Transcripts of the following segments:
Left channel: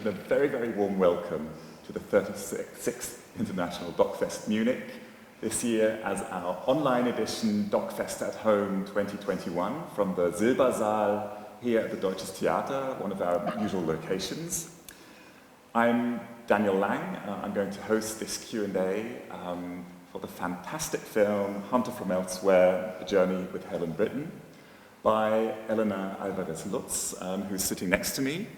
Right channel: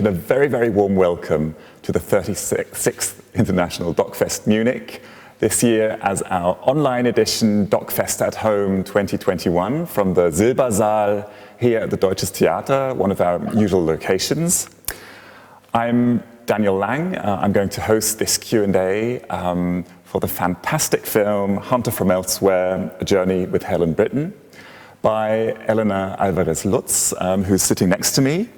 and a very, very warm welcome to the 36th International DOK.fest Munich, this year as our online edition DOK.fest at Home 2021 from the Silbersaal here at the Deutsches Theater, one of our usual locations. I'm Daniel Lang. I'm going to host this Q&A for the fantastic film Hunter from Elsewhere, A Journey with Helen Britton by Elena Alvarez Lutz, who's sitting next to me.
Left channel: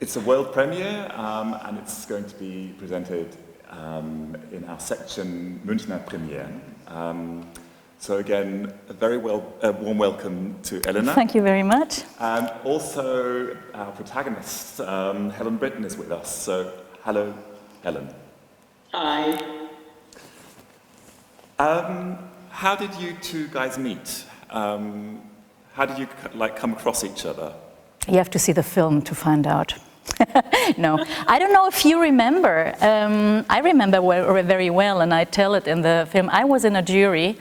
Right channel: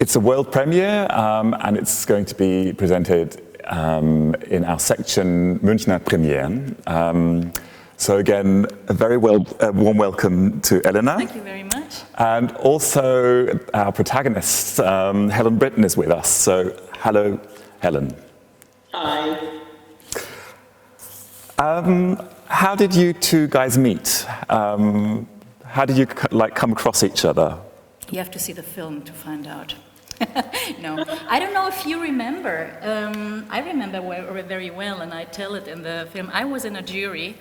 It's a world premiere and it's going to be presented in our section Münchner Premieren. So again, a very warm welcome to Elena. Thank you very much. And also our protagonist, Helen Britton, is with us. So hello, Helen. Hi. How did you two guys meet? How did you come across each other? You have to see the film to find out. No, I don't know if you remember. I remember very well, and I tell it in the film. I was in a jury.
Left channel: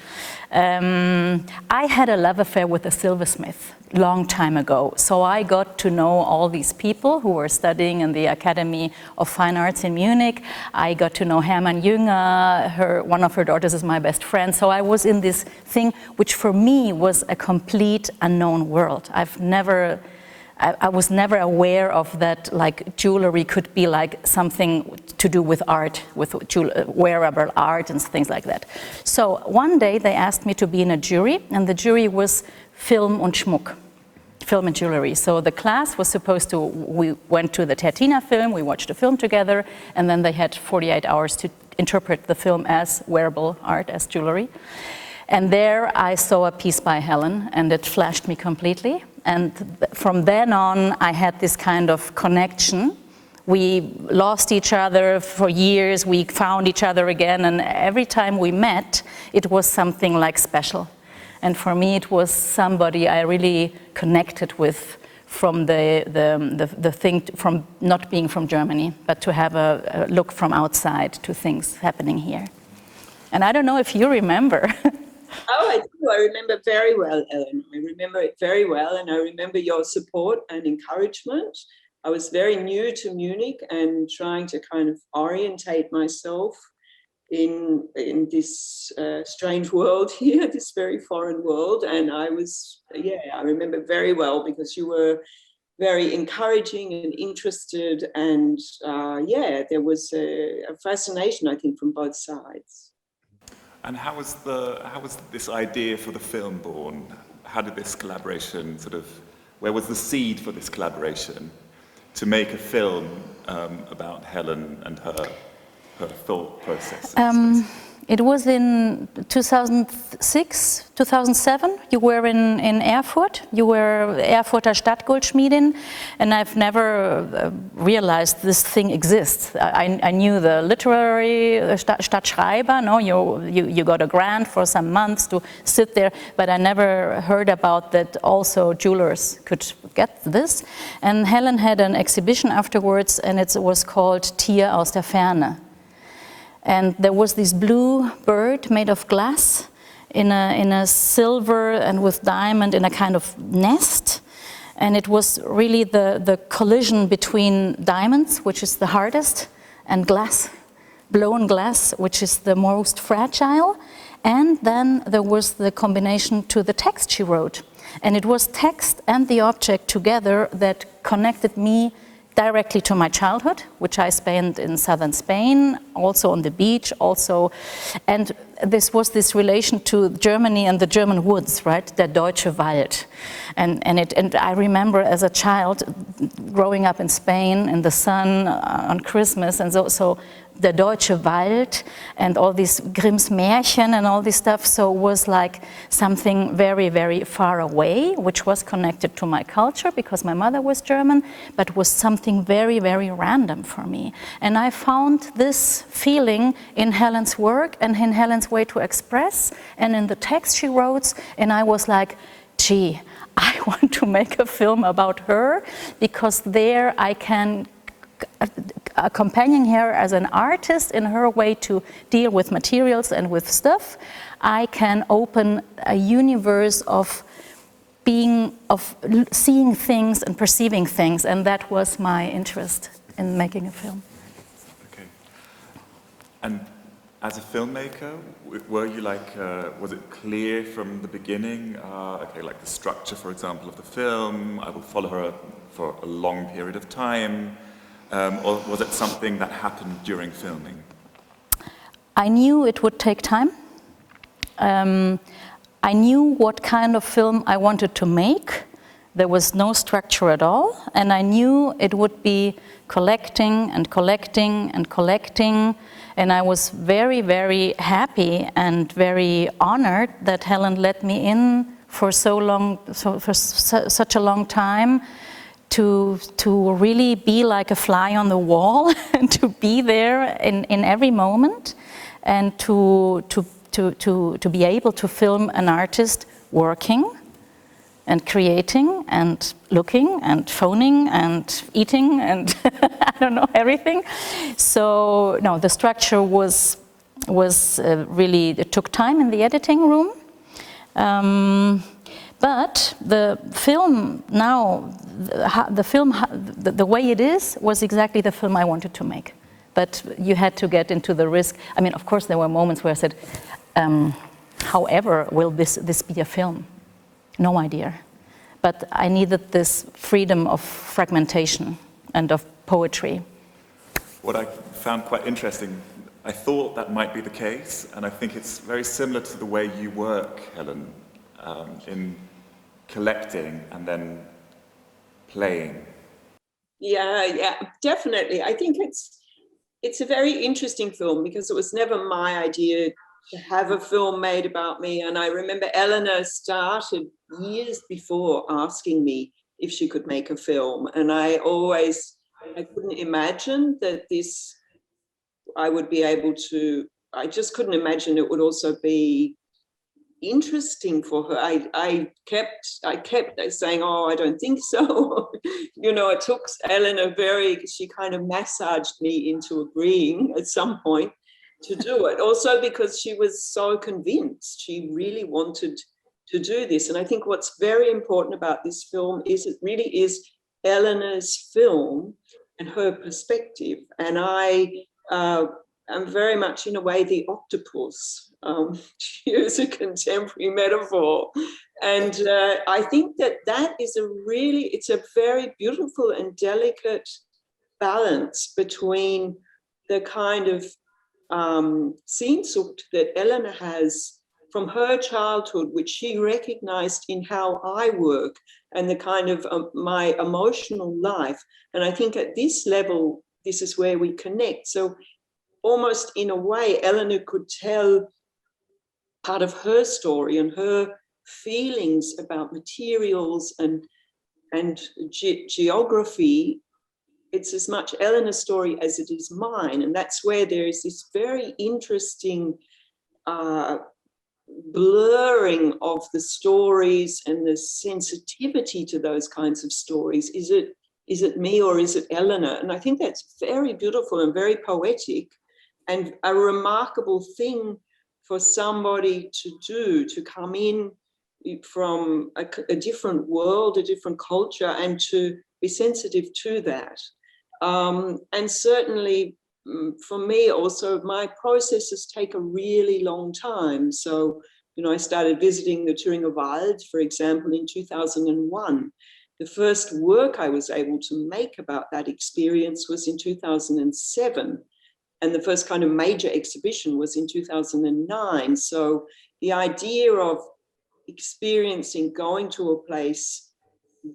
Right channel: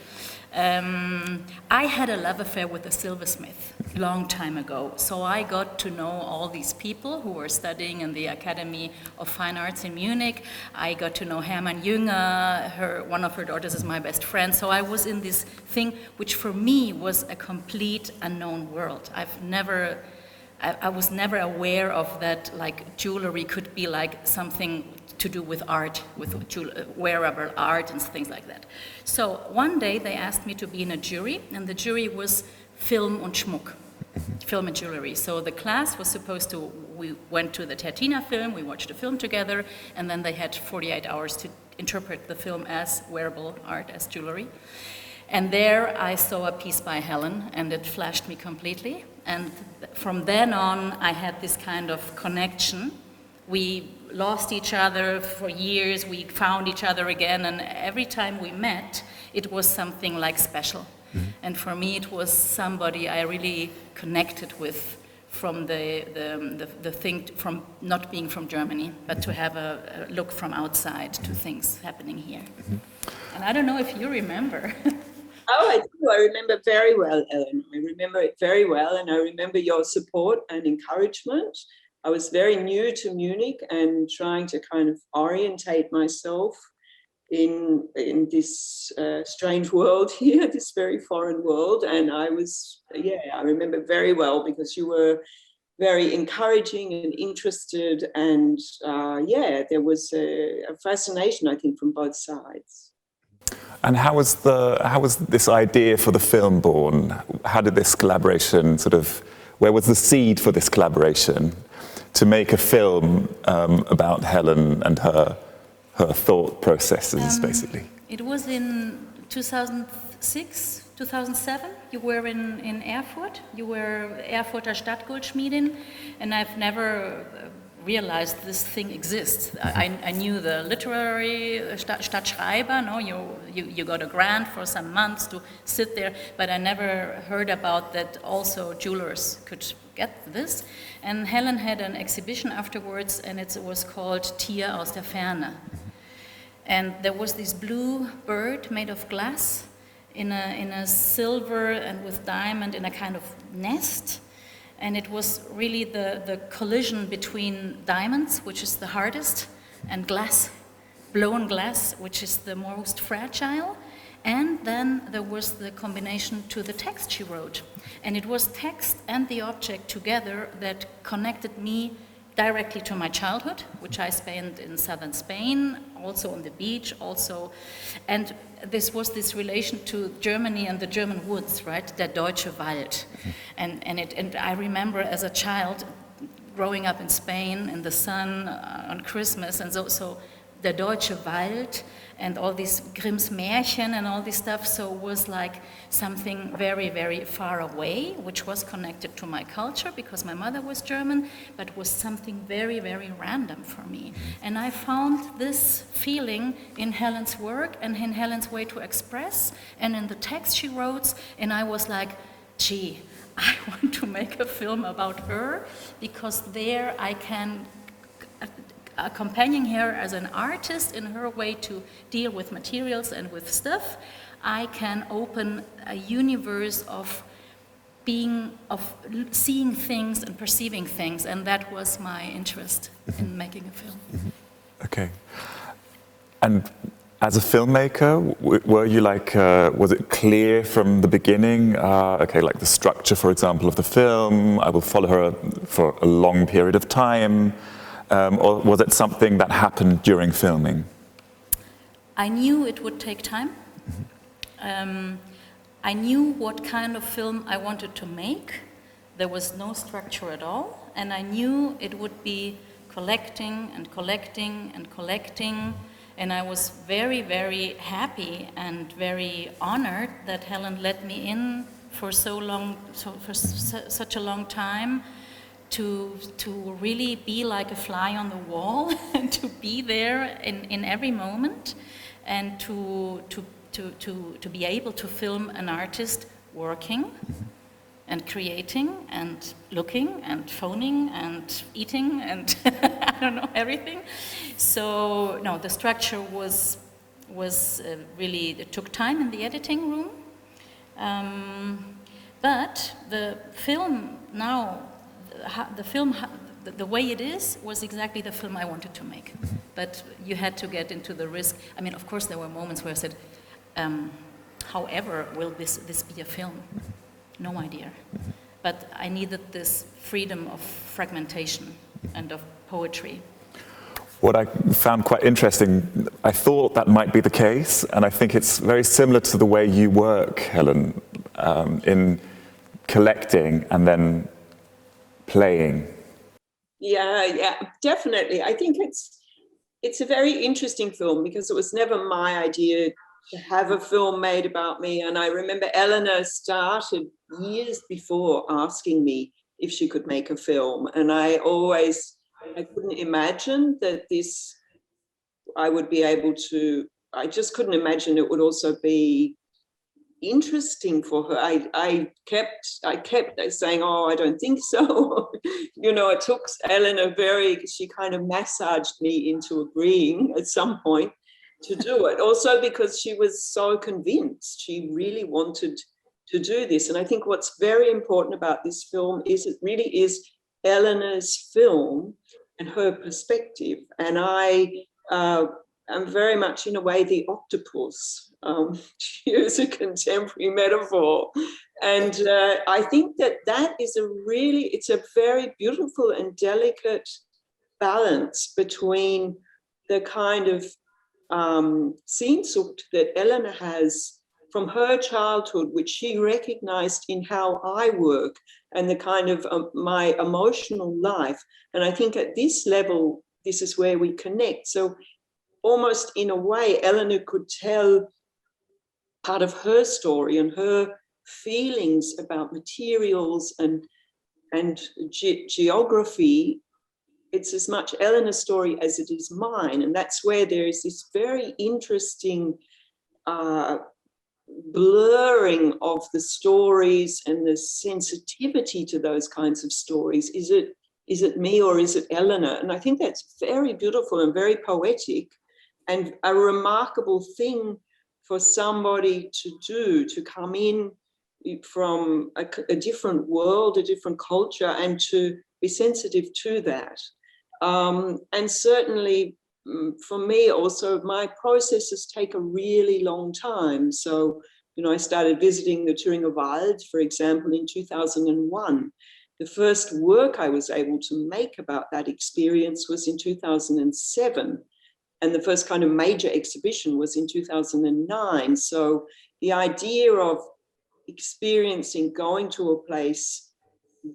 I had a love affair with a silversmith long time ago, so I got to know all these people who were studying in the Academy of Fine Arts in Munich. I got to know Hermann Jünger, one of her daughters is my best friend, so I was in this thing which for me was a complete unknown world. I was never aware of that, like jewelry could be like something to do with art, with wearable art and things like that. So one day they asked me to be in a jury, and the jury was Film und Schmuck, film and jewelry. So the class was supposed to, we went to the Tertina film, we watched the film together, and then they had 48 hours to interpret the film as wearable art, as jewelry. And there I saw a piece by Helen, and it flashed me completely. And from then on, I had this kind of connection. We lost each other for years, we found each other again, and every time we met, it was something like special. Mm-hmm. And for me, it was somebody I really connected with from the thing, from not being from Germany, but to have a look from outside to things happening here. Mm-hmm. And I don't know if you remember. Oh, I do. I remember very well, Ellen. I remember it very well, and I remember your support and encouragement. I was very new to Munich and trying to kind of orientate myself in this strange world here, this very foreign world. And I remember very well because you were very encouraging and interested, and there was a fascination, I think, from both sides. And how was this idea for the film born? How did this collaboration where was the seed for this collaboration to make a film about Helen and her thought processes, basically? It was in 2006, 2007. You were in Erfurt. You were Erfurter Stadtgoldschmiedin, and I've never realized this thing exists. I knew the literary Stadtschreiber. No, you got a grant for some months to sit there, but I never heard about that. Also, jewelers could get this. And Helen had an exhibition afterwards, and it was called Tier aus der Ferne. And there was this blue bird made of glass in a silver and with diamond in a kind of nest. And it was really the collision between diamonds, which is the hardest, and glass, blown glass, which is the most fragile. And then there was the combination to the text she wrote. And it was text and the object together that connected me directly to my childhood, which I spent in southern Spain, also on the beach, and this was this relation to Germany and the German woods, right? Der deutsche Wald, and I remember as a child growing up in Spain in the sun on Christmas, and so der deutsche Wald and all these Grimm's Märchen and all this stuff, so it was like something very, very far away, which was connected to my culture because my mother was German, but was something very, very random for me. And I found this feeling in Helen's work and in Helen's way to express and in the text she wrote, and I was like, gee, I want to make a film about her because there I can accompanying her as an artist in her way to deal with materials and with stuff, I can open a universe of seeing things and perceiving things, and that was my interest in making a film. Okay. And as a filmmaker, were you like, was it clear from the beginning, okay, like the structure, for example, of the film, I will follow her for a long period of time, or was it something that happened during filming? I knew it would take time. I knew what kind of film I wanted to make. There was no structure at all, and I knew it would be collecting and collecting and collecting. And I was very, very happy and very honored that Helen let me in for such a long time to really be like a fly on the wall and to be there in every moment, and to be able to film an artist working and creating and looking and phoning and eating and I don't know, everything. So no, the structure was really, it took time in the editing room. But the film now, the way it is was exactly the film I wanted to make. But you had to get into the risk. I mean, of course, there were moments where I said, however, will this be a film? No idea. But I needed this freedom of fragmentation and of poetry. What I found quite interesting, I thought that might be the case, and I think it's very similar to the way you work, Helen, in collecting and then playing. Yeah, definitely. I think it's a very interesting film because it was never my idea to have a film made about me. And I remember Elena started years before asking me if she could make a film. And I couldn't imagine that I would be able to, I just couldn't imagine it would also be interesting for her. I kept saying, oh, I don't think so. It took Elena she kind of massaged me into agreeing at some point to do it. Also because she was so convinced, she really wanted to do this. And I think what's very important about this film is it really is Elena's film and her perspective. And I am very much, in a way, the octopus, to use a contemporary metaphor. And I think that is it's a very beautiful and delicate balance between the kind of sehnsucht that Elena has from her childhood, which she recognized in how I work and the kind of my emotional life. And I think at this level, this is where we connect. So almost in a way, Elena could tell part of her story and her feelings about materials and geography. It's as much Elena's story as it is mine. And that's where there is this very interesting blurring of the stories and the sensitivity to those kinds of stories. Is it me or is it Elena? And I think that's very beautiful and very poetic and a remarkable thing for somebody to do, to come in from a different world, a different culture, and to be sensitive to that. And certainly for me also, my processes take a really long time. So, I started visiting the Thüringer Wald, for example, in 2001. The first work I was able to make about that experience was in 2007. And the first kind of major exhibition was in 2009. So the idea of experiencing, going to a place,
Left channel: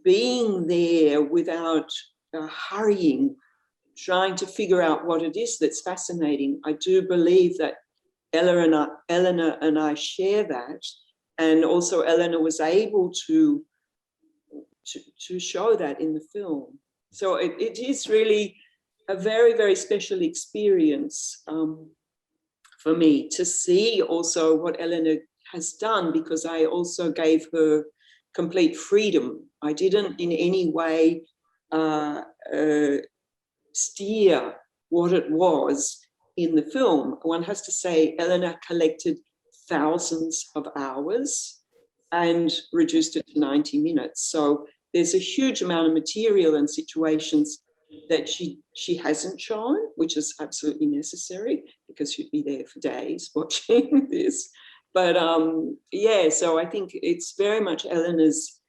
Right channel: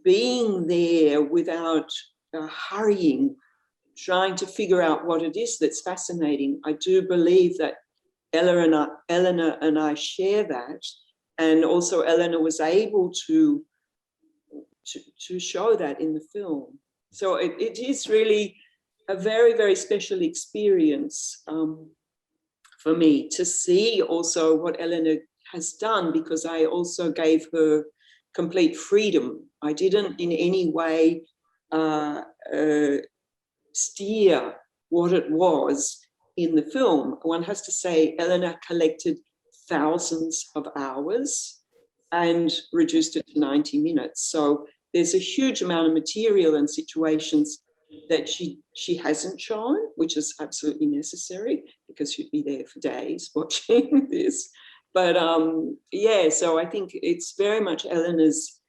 being there without hurrying, trying to figure out what it is that's fascinating. I do believe that Elena and I share that. And also Elena was able to show that in the film. So it is really a very, very special experience for me to see also what Elena has done, because I also gave her complete freedom. I didn't in any way steer what it was in the film. One has to say Elena collected thousands of hours, and reduced it to 90 minutes. So there's a huge amount of material and situations that she hasn't shown, which is absolutely necessary because she'd be there for days watching this. But yeah, so I think it's very much Elena's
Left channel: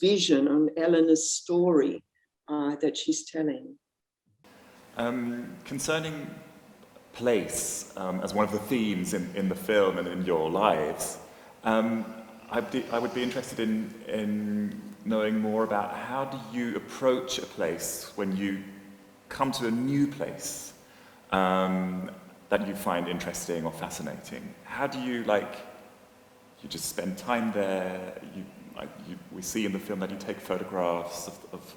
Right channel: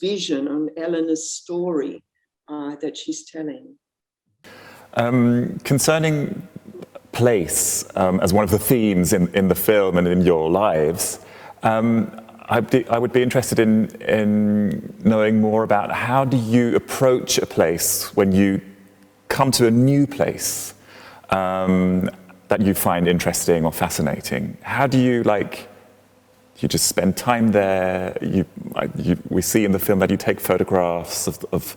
vision and Elena's story that she's telling. Concerning place as one of the themes in the film and in your lives, I would be interested in knowing more about how do you approach a place when you come to a new place that you find interesting or fascinating. How do you you just spend time there? We see in the film that you take photographs of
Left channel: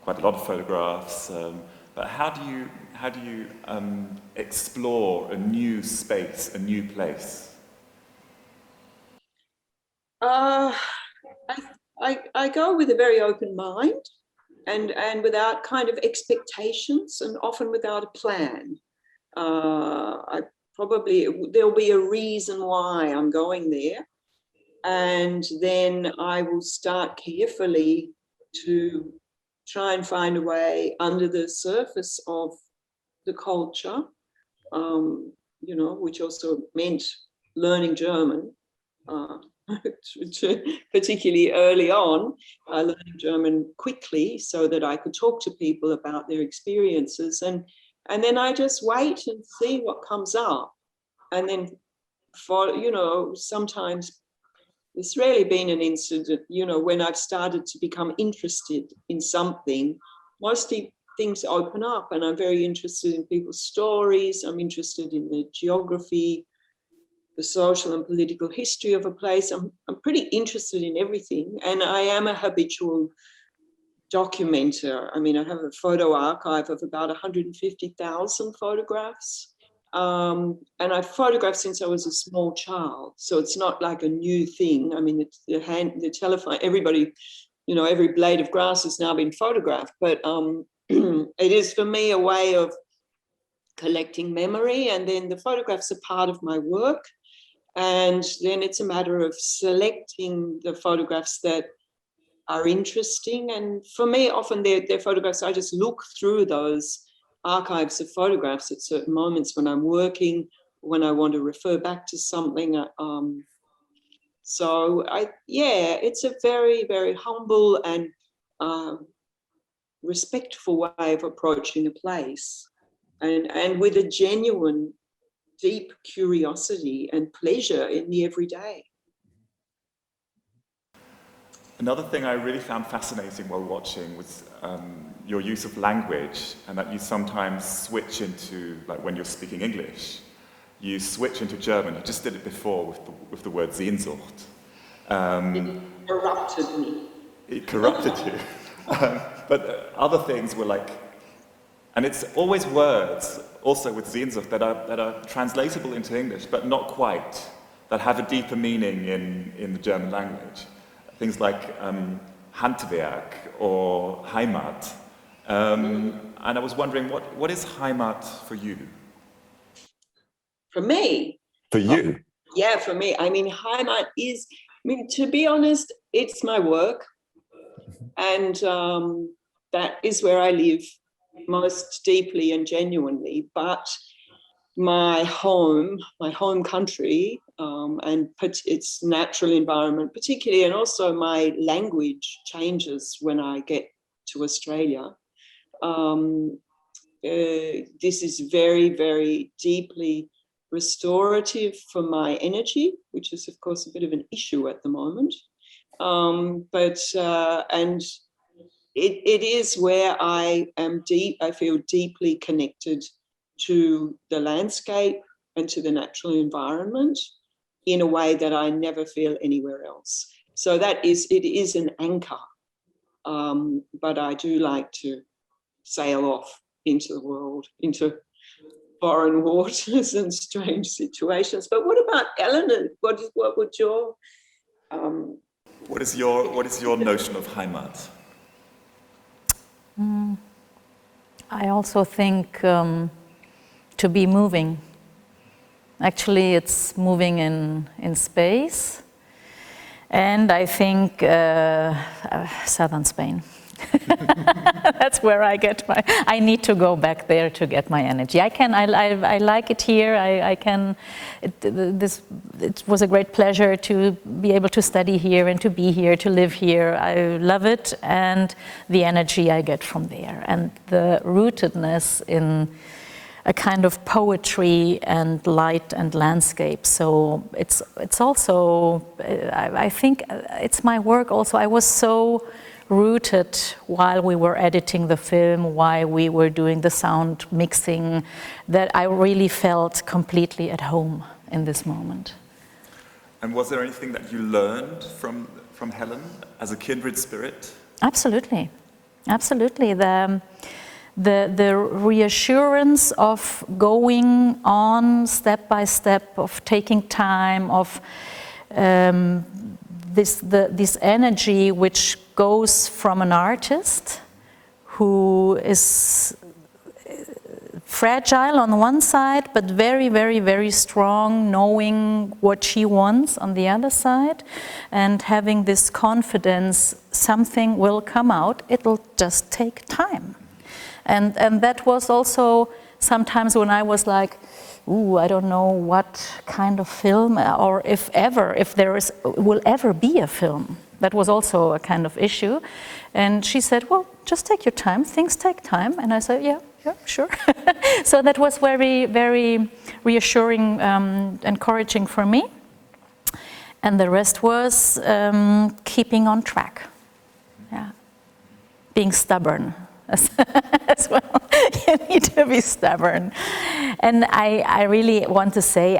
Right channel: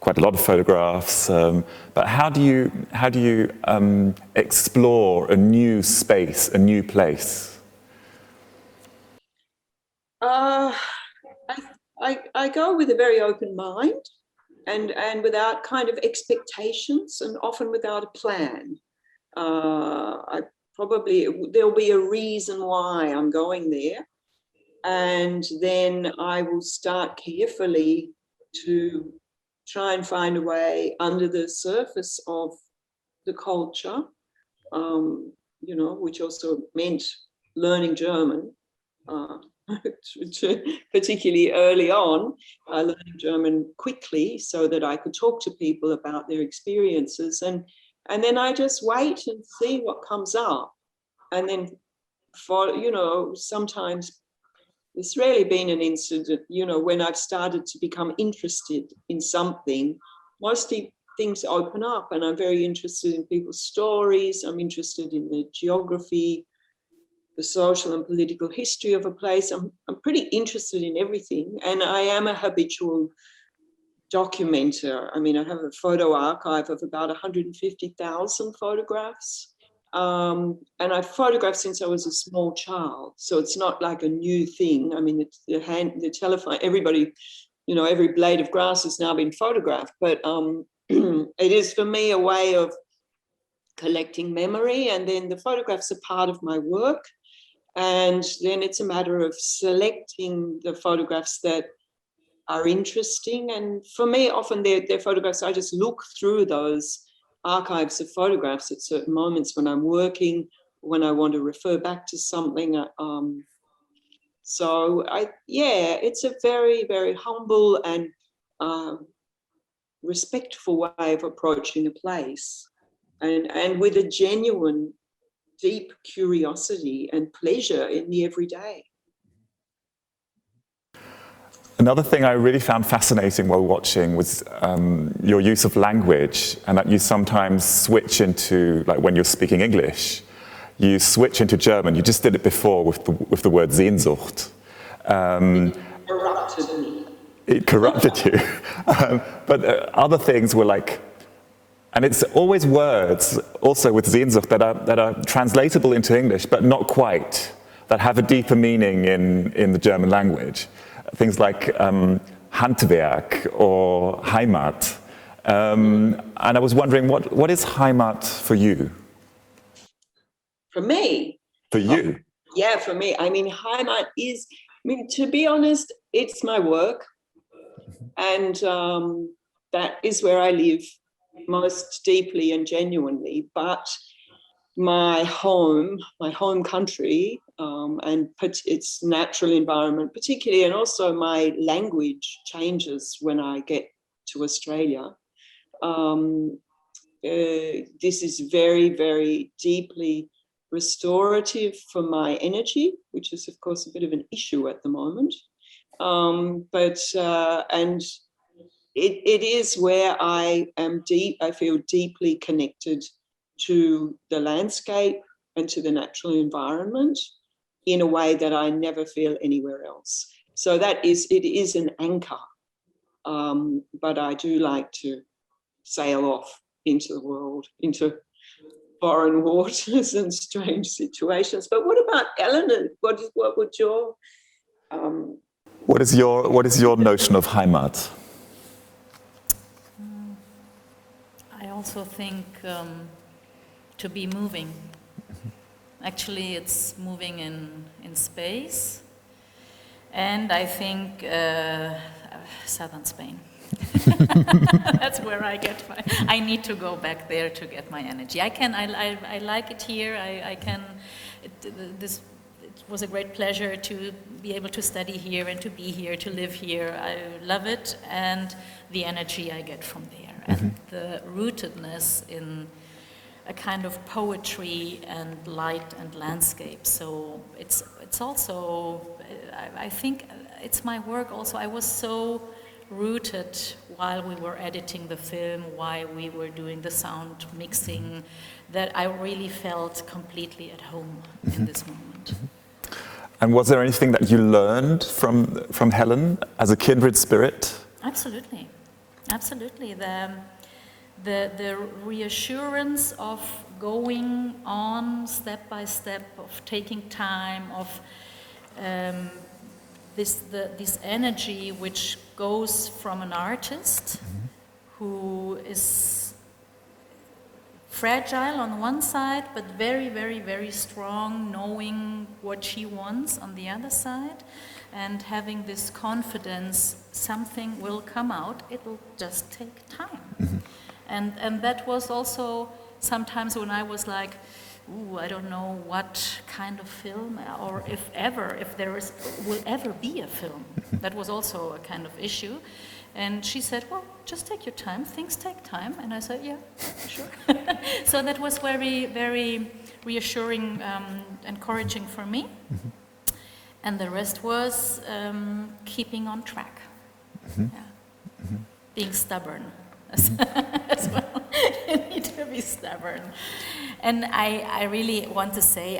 quite a lot of photographs, but how do you explore a new space, a new place? I go with a very open mind and without kind of expectations and often without a plan. There'll be a reason why I'm going there, and then I will start carefully to try and find a way under the surface of the culture, which also meant learning German, particularly early on. I learned German quickly so that I could talk to people about their experiences, and then I just wait and see what comes up. And then, sometimes it's rarely been an incident, when I've started to become interested in something, mostly things open up, and I'm very interested in people's stories. I'm interested in the geography, the social and political history of a place. I'm pretty interested in everything, and I am a habitual documenter. I mean, I have a photo archive of about 150,000 photographs. And I've photographed since I was a small child, so it's not like a new thing. I mean, the telephone, everybody, every blade of grass has now been photographed, but it is for me a way of collecting memory, and then the photographs are part of my work, and then it's a matter of selecting the photographs that are interesting. And for me, often they're photographs, I just look through those archives of photographs at certain moments when I'm working, when I want to refer back to something. It's a very, very humble and respectful way of approaching a place, and with a genuine, deep curiosity and pleasure in the everyday. Another thing I really found fascinating while watching was your use of language, and that you sometimes switch into, when you're speaking English, you switch into German. You just did it before with the word Sehnsucht. It corrupted me. It corrupted you. But other things were and it's always words, also with Sehnsucht, that are translatable into English, but not quite, that have a deeper meaning in the German language. Things like Handwerk or Heimat. And I was wondering, what is Heimat for you? For me? For you? Yeah, for me. I mean, Heimat is, to be honest, it's my work. And that is where I live most deeply and genuinely. But my home country, and its natural environment particularly, and also my language changes when I get to Australia. This is very, very deeply restorative for my energy, which is of course a bit of an issue at the moment. And it is where I feel deeply connected to the landscape and to the natural environment in a way that I never feel anywhere else. So it is an anchor, but I do like to sail off into the world, into foreign waters and strange situations. But what about Elena? What would your what is your notion of Heimat? I also think to be moving. Actually, it's moving in space. And I think southern Spain. That's where I get I need to go back there to get my energy. I like it here. It was a great pleasure to be able to study here and to be here, to live here. I love it, and the energy I get from there, and the rootedness in a kind of poetry and light and landscape. So it's also, I think it's my work also. I was so rooted while we were editing the film, while we were doing the sound mixing, that I really felt completely at home in this moment. And was there anything that you learned from Helen as a kindred spirit? Absolutely, absolutely. The reassurance of going on step by step, of taking time, of this energy which goes from an artist who is fragile on one side, but very, very, very strong, knowing what she wants on the other side, and having this confidence something will come out, it'll just take time. And that was also sometimes when I was like, ooh, I don't know what kind of film, or if there will ever be a film. That was also a kind of issue. And she said, well, just take your time, things take time. And I said, yeah, sure. So that was very, very reassuring, encouraging for me. And the rest was keeping on track. Yeah. Being stubborn as well. You need to be stubborn. And I really want to say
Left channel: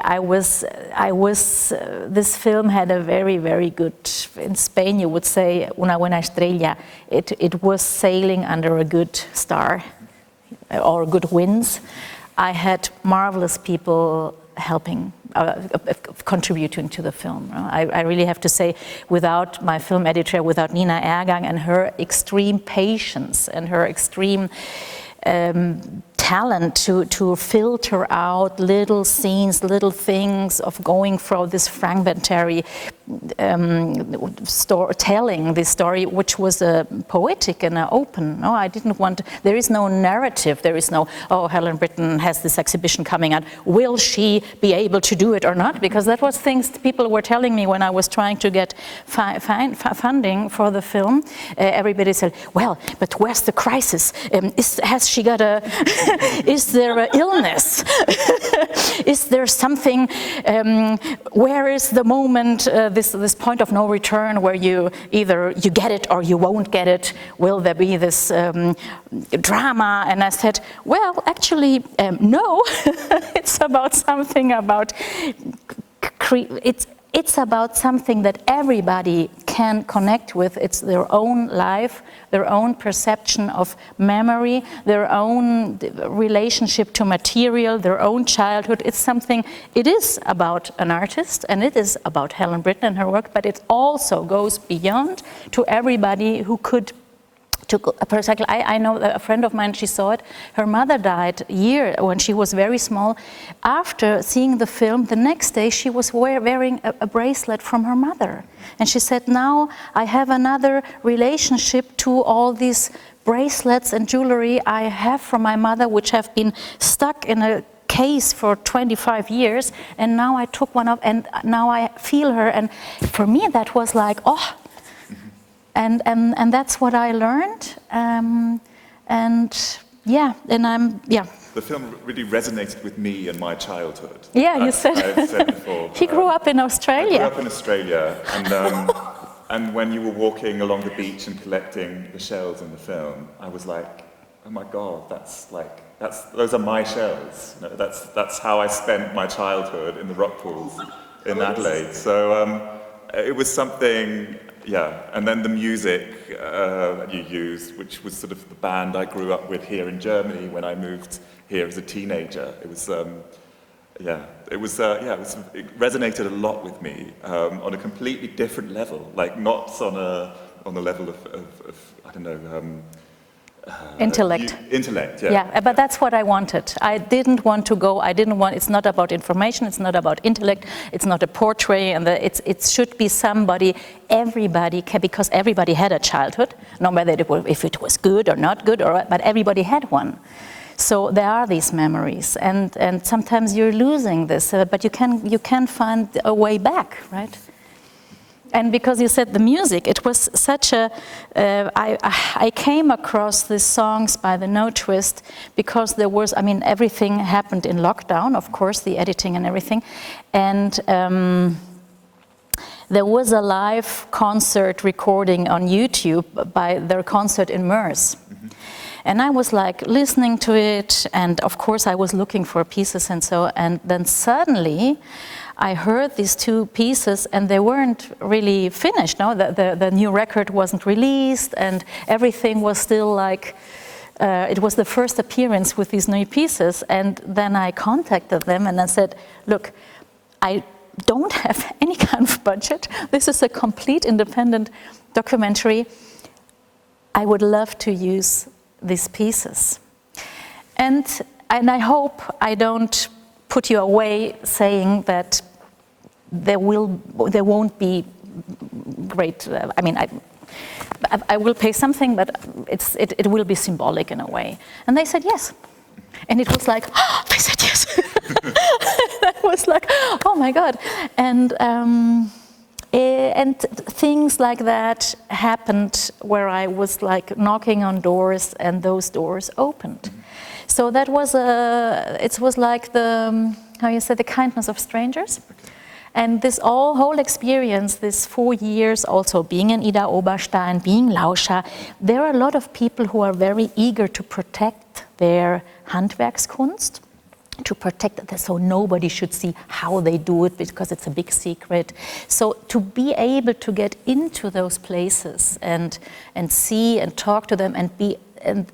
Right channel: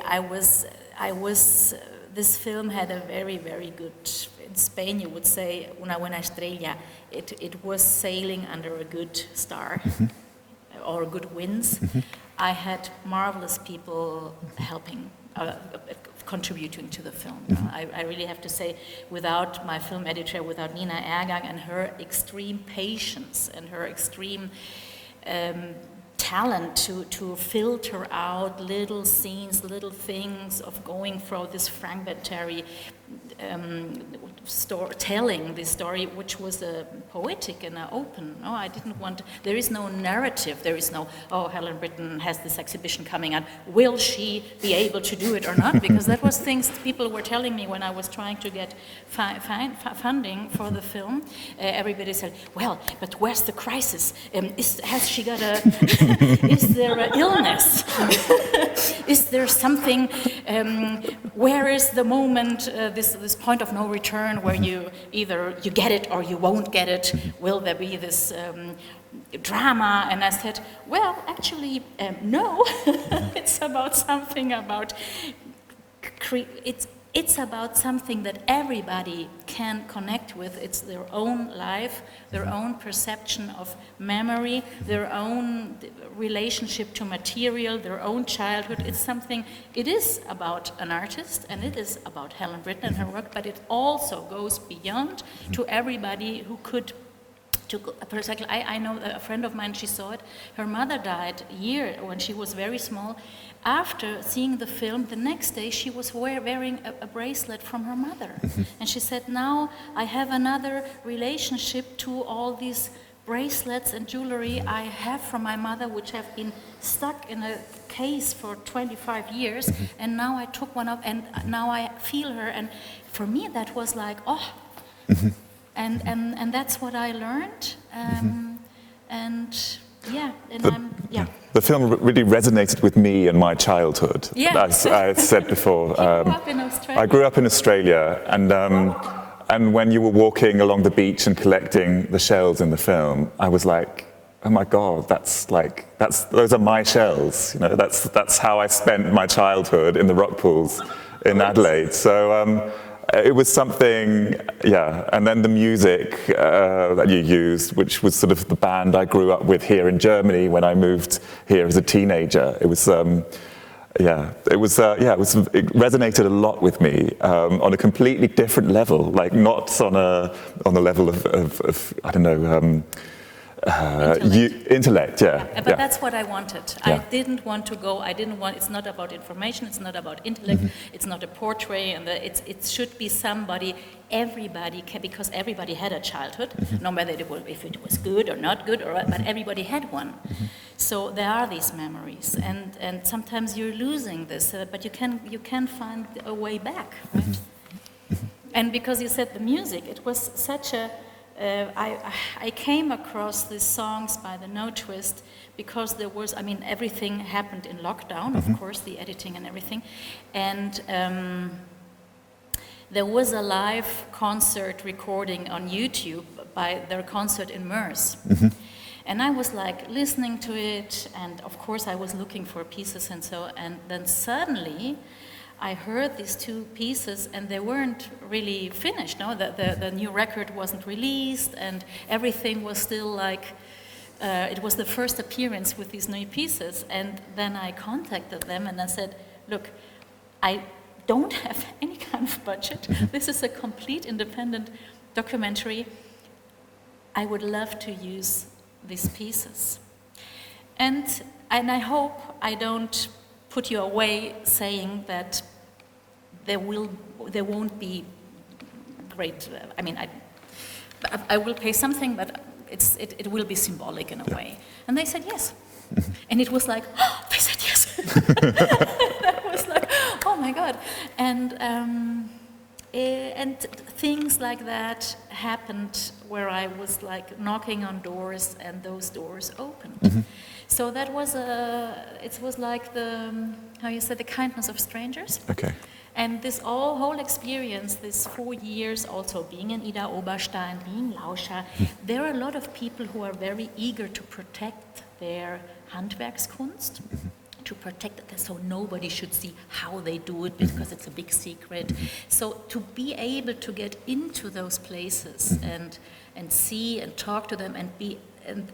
this film had a very, very good, in Spain you would say, una buena estrella. It was sailing under a good star or good winds. I had marvelous people helping, contributing to the film. I really have to say, without my film editor, without Nina Ergang and her extreme patience and her extreme talent to filter out little scenes, little things of going for this fragmentary telling this story, which was poetic and open. No, I didn't want. There is no narrative. There is no. Oh, Helen Britton has this exhibition coming out. Will she be able to do it or not? Because that was things people were telling me when I was trying to get funding for the film. Everybody said, "Well, but where's the crisis? Has she got a? Is there an illness? Is there something? Where is the moment? This point of no return, where you either you get it or you won't get it. Will there be this drama?" And I said, well, actually, no. It's about something about it's about something that everybody can connect with. It's their own life, their own perception of memory, their own relationship to material, their own childhood. It's something, it is about an artist, and it is about Helen Britton and her work, but it also goes beyond to everybody who could. For example, I know that a friend of mine, she saw it, her mother died when she was very small. After seeing the film, the next day she was wearing a bracelet from her mother. And she said, now I have another relationship to all these bracelets and jewelry I have from my mother, which have been stuck in a case for 25 years. And now I took one up and now I feel her. And for me, that was like, oh. And that's what I learned, The film really resonated with me and my childhood. Yeah, I've said before. He grew up in Australia. I grew up in Australia, and when you were walking along the beach and collecting the shells in the film, I was like, oh my God, those are my shells. You know, that's how I spent my childhood in the rock pools in Adelaide. So. It was something, yeah, and then the music that you used, which was sort of the band I grew up with here in Germany when I moved here as a teenager. It was, it resonated a lot with me on a completely different level, like not on the level of I don't know, Intellect, yeah. Yeah, but that's what I wanted. Yeah. I didn't want to go, it's not about information, it's not about intellect, it's not a portrait, and it should be somebody, everybody can, because everybody had a childhood, no matter if it was good or not good, but everybody had one. So there are these memories, and sometimes you're losing this, but you can find a way back, right? And because you said the music, it was such a, I came across these songs by the No Twist because there was, I mean, everything happened in lockdown, of course, the editing and everything. And there was a live concert recording on YouTube by their concert in Meurs. And I was like listening to it, and of course I was looking for pieces and so, and then suddenly, I heard these two pieces and they weren't really finished. No, the new record wasn't released and everything was still like, it was the first appearance with these new pieces. And then I contacted them and I said, look, I don't have any kind of budget. This is a complete independent documentary. I would love to use these pieces. And I hope I don't put you away saying that there won't be great, I mean, I will pay something, but it will be symbolic in a way. And they said yes. And it was like, oh, they said yes. That was like, oh my God. And things like that happened where I was like knocking on doors and those doors opened. So that was it was like the, how you say, the kindness of strangers. Okay. And this whole experience, this 4 years, also being in Ida Oberstein, being Lauscher, there are a lot of people who are very eager to protect their Handwerkskunst, to protect it so nobody should see how they do it because it's a big secret. So to be able to get into those places and see and talk to them and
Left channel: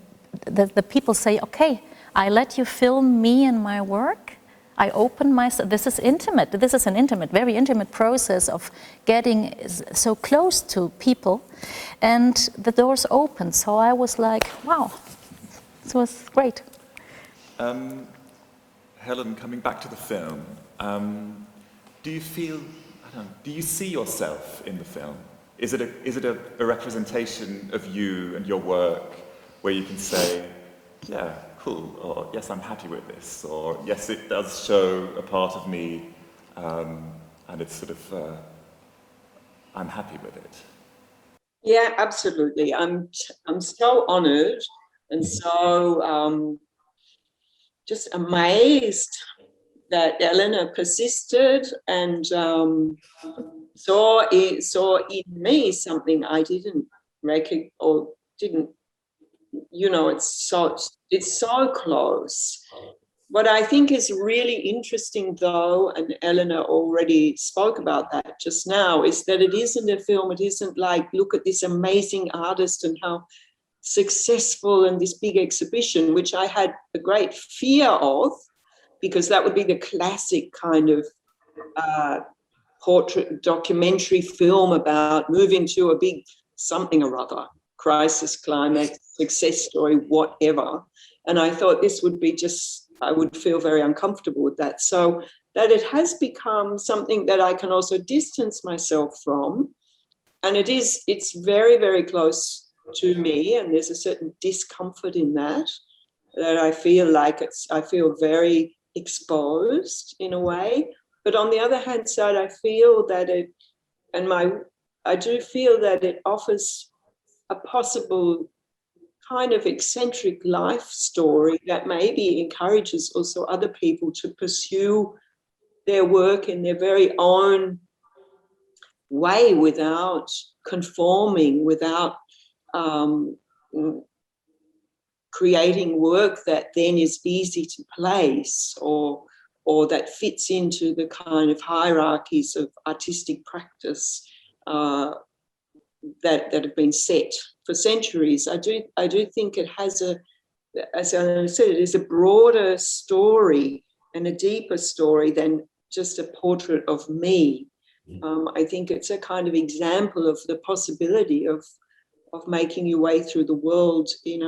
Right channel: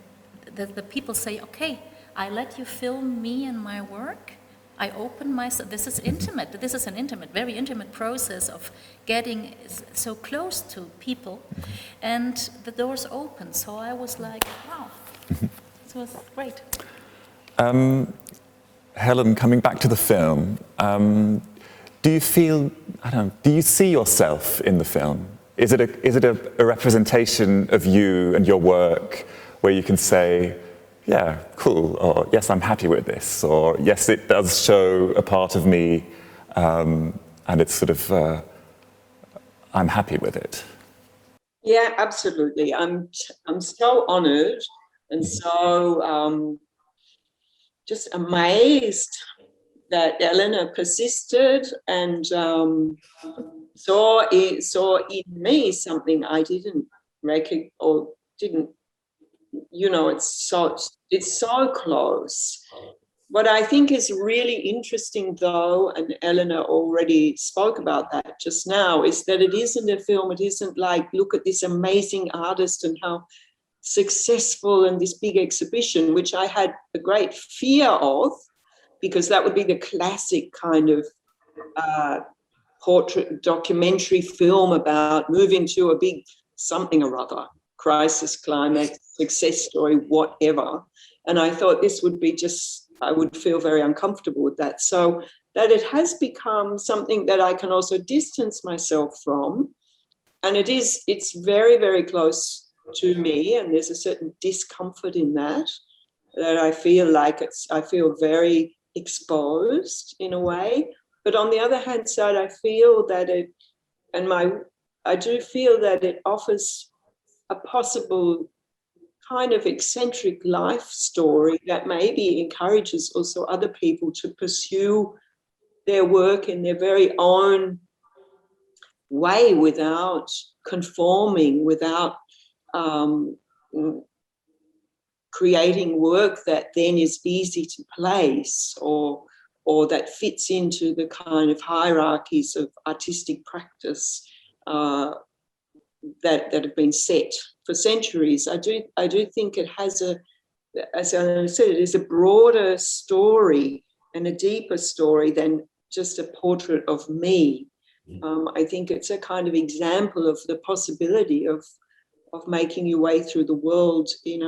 the people say, okay, I let you film me and my work. I open myself. This is intimate. This is an intimate, very intimate process of getting so close to people, and the doors opened. So I was like, wow, this was great. Helen, coming back to the film, do you feel, I don't know, do you see yourself in the film? Is it a representation of you and your work where you can say, yeah, cool, or yes, I'm happy with this, or yes, it does show a part of me, and it's sort of, I'm happy with it? Yeah, absolutely. I'm so honoured and so just amazed that Elena persisted and saw in me something I didn't recognize or didn't. You know, it's so close. What I think is really interesting, though, and Elena already spoke about that just now, is that it isn't a film. It isn't like, look at this amazing artist and how successful and this big exhibition, which I had a great fear of, because that would be the classic kind of portrait documentary film about moving to a big something or other, crisis, climax, success story, whatever. And I thought this would be just, I would feel very uncomfortable with that. So that it has become something that I can also distance myself from. And it's very, very close to me. And there's a certain discomfort in that I feel like I feel very exposed in a way. But on the other hand side, I feel that I do feel that it offers a possible kind of eccentric life story that maybe encourages also other people to pursue their work in their very own way without conforming, without creating work that then is easy to place or that fits into the kind of hierarchies of artistic practice that have been set for centuries. I do think it has as I said, it is a broader story and a deeper story than just a portrait of me. I think it's a kind of example of the possibility of making your way through the world in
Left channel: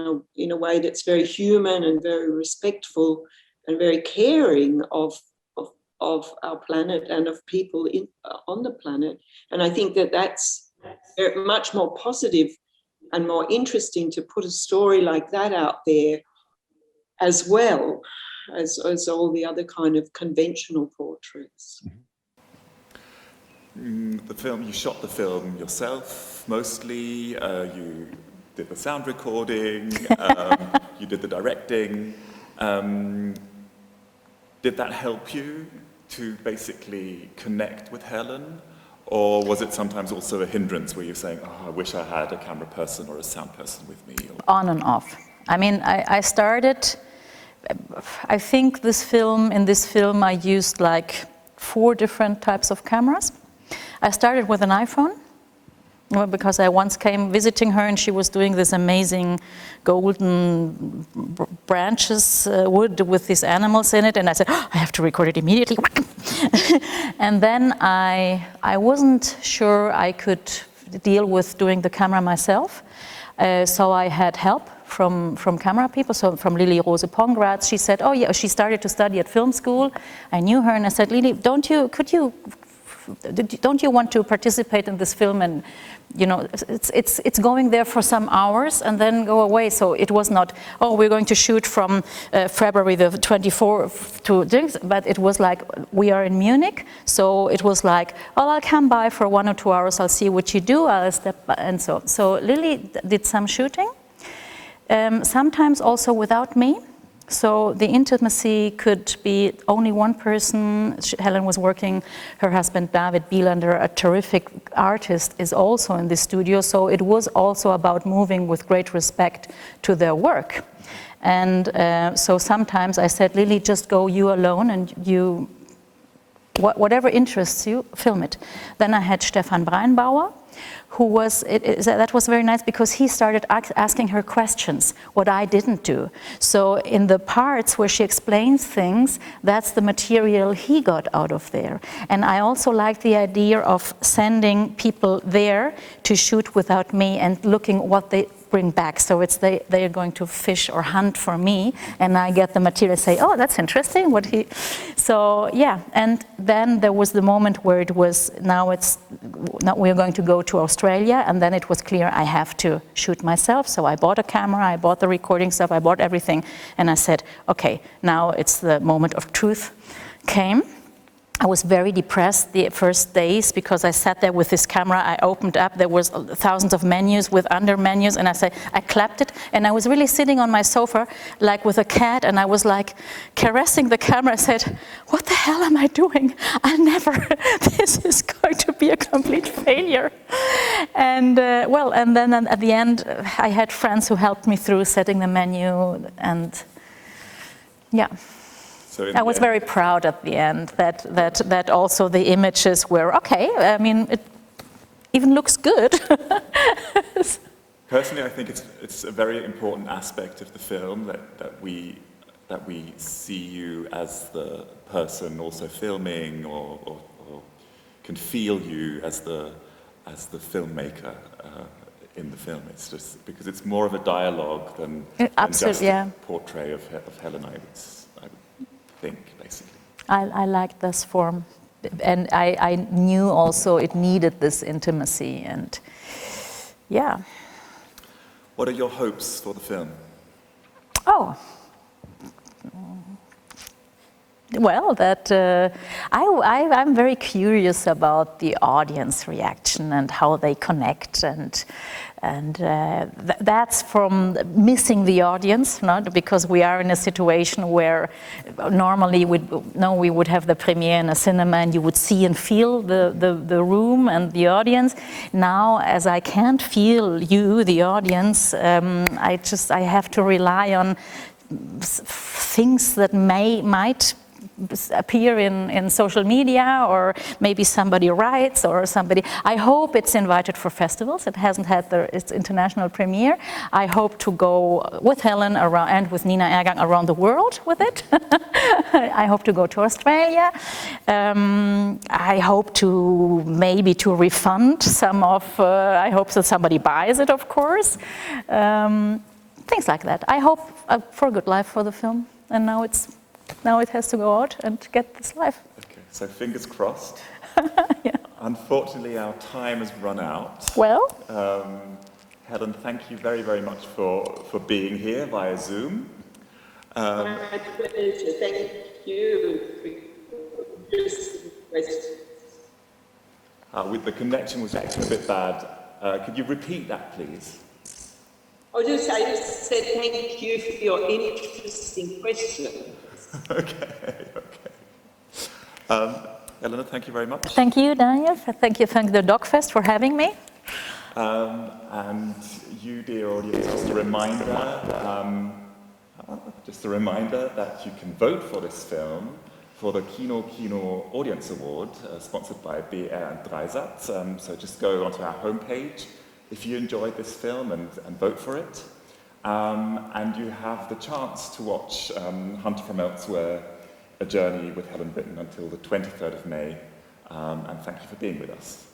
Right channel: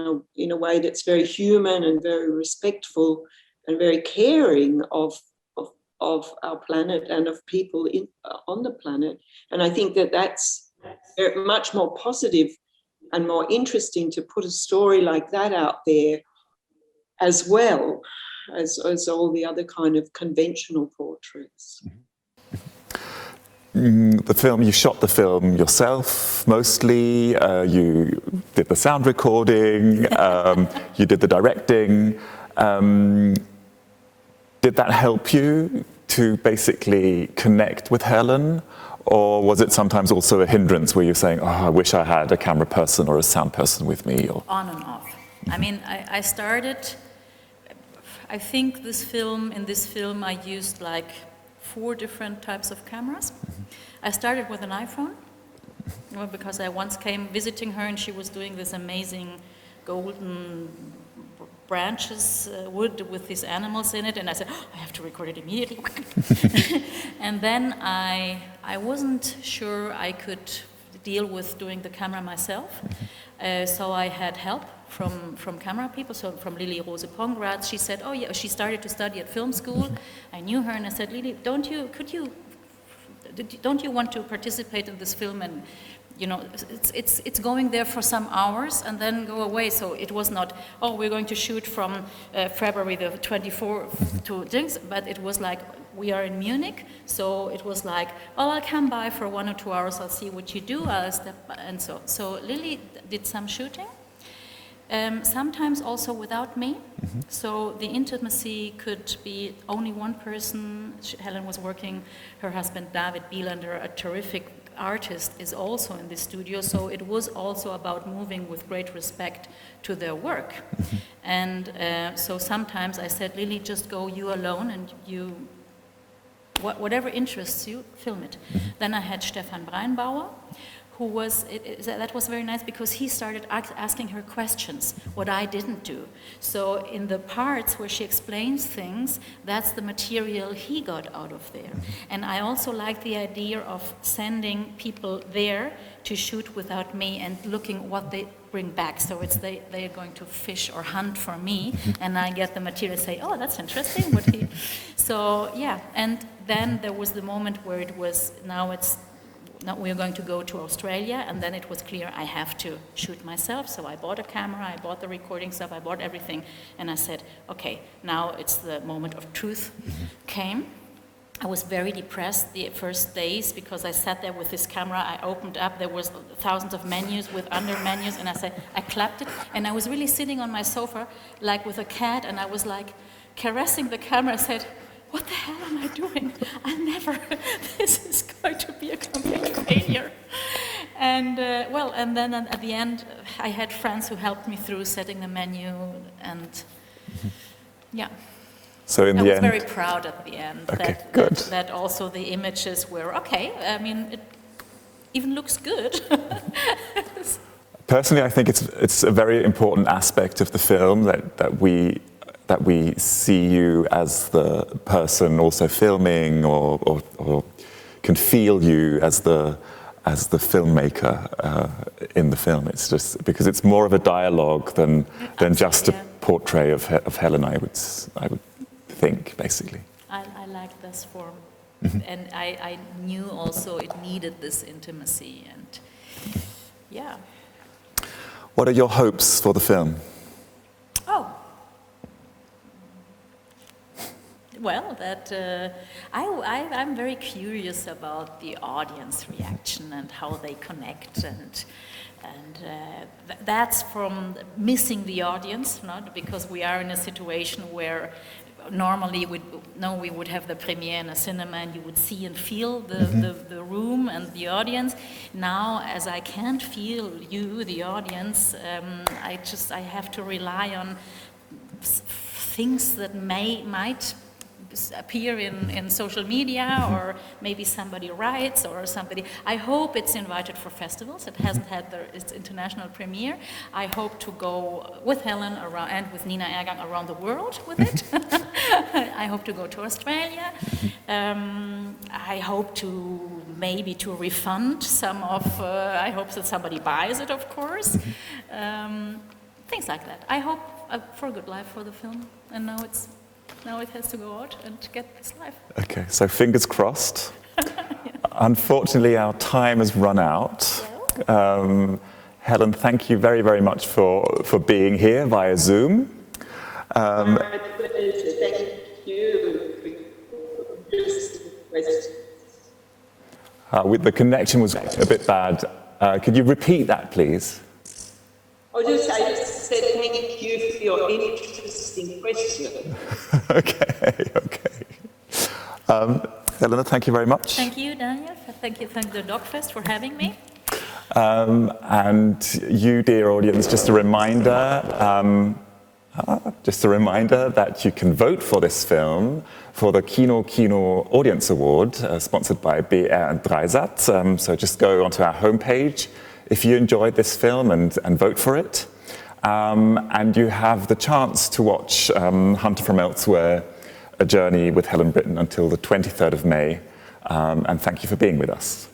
a way that's very human and very respectful and very caring of our planet and of people on the planet. And I think that that's much more positive and more interesting to put a story like that out there as well as all the other kind of conventional portraits. The film, you shot the film yourself mostly, you did the sound recording, you did the directing. Did that help you to basically connect with Helen? Or was it sometimes also a hindrance where you're saying, oh, I wish I had a camera person or a sound person with me? Or... On and off. I mean, I started, I think in this film I used like 4 different types of cameras. I started with an iPhone, because I once came visiting her and she was doing this amazing golden branches wood with these animals in it, and I said, oh, I have to record it immediately. And then I wasn't sure I could deal with doing the camera myself, so I had help from camera people, so from Lili Rose Pongratz. She said, oh yeah, she started to study at film school. I knew her and I said, Lili, don't you want to participate in this film? And you know, it's going there for some hours and then go away. So it was not, oh, we're going to shoot from February the 24th to things, but it was like, we are in Munich, so it was like, oh, I'll come by for 1 or 2 hours, I'll see what you do, I'll step by, and so. So Lili did some shooting, sometimes also without me. So the intimacy could be only one person. Helen was working, her husband David Bielander, a terrific artist, is also in the studio. So it was also about moving with great respect to their work. And so sometimes I said, Lili, just go you alone and you, whatever interests you, film it. Then I had Stefan Breinbauer, who was, that was very nice because he started asking her questions, what I didn't do. So in the parts where she explains things, that's the material he got out of there. And I also like the idea of sending people there to shoot without me and looking what they bring back. So it's they are going to fish or hunt for me, and I get the material, say, oh, that's interesting, what he... So, yeah, and then there was the moment where it was, now we're going to go to Australia, and then it was clear I have to shoot myself. So I bought a camera, I bought the recording stuff, I bought everything, and I said, okay, now it's the moment of truth came. I was very depressed the first days because I sat there with this camera, I opened up, there was thousands of menus with under menus, and I clapped it, and I was really sitting on my sofa like with a cat, and I was like caressing the camera. I said, what the hell am I doing? This is going to be a complete failure. And well, and then at the end, I had friends who helped me through setting the menu, and yeah. So I was very proud at the end, okay, that also the images were okay. I mean, it even looks good. Personally, I think it's a very important aspect of the film that we see you as the person also filming, or can feel you as the filmmaker in the film. It's just because it's more of a dialogue than just a portrait of Helen. I would think, basically. I like this form, and I knew also it needed this intimacy, and yeah. What are your hopes for the film? Oh, well, that I'm very curious about the audience reaction and how they connect, and that's from missing the audience, not because we are in a situation where normally we would have the premiere in a cinema and you would see and feel the room and the audience. Now, as I can't feel you, the audience, I have to rely on things that might appear in social media, or maybe somebody writes, or somebody. I hope it's invited for festivals. It hasn't had its international premiere. I hope to go with Helen around and with Nina Ergang around the world with it. I hope to go to Australia. I hope to maybe to refund some of, I hope that somebody buys it, of course. Things like that. I hope for a good life for the film. And now it has to go out and get this life. Okay, so fingers crossed. Yeah. Unfortunately, our time has run out. Well. Helen, thank you very, very much for being here via Zoom. My pleasure. Thank you for interesting questions. The connection was a bit bad. Could you repeat that, please? I just said thank you for your interesting question. Okay. Elena, thank you very much. Thank you, Daniel. Thank the DOK.fest for having me. And you, dear audience, just a reminder that you can vote for this film for the Kino Audience Award, sponsored by BR and Dreisat. So just go onto our homepage if you enjoyed this film and vote for it. And you have the chance to watch Hunter from Elsewhere, A Journey with Helen Britton until the 23rd of May. And thank you for being with us.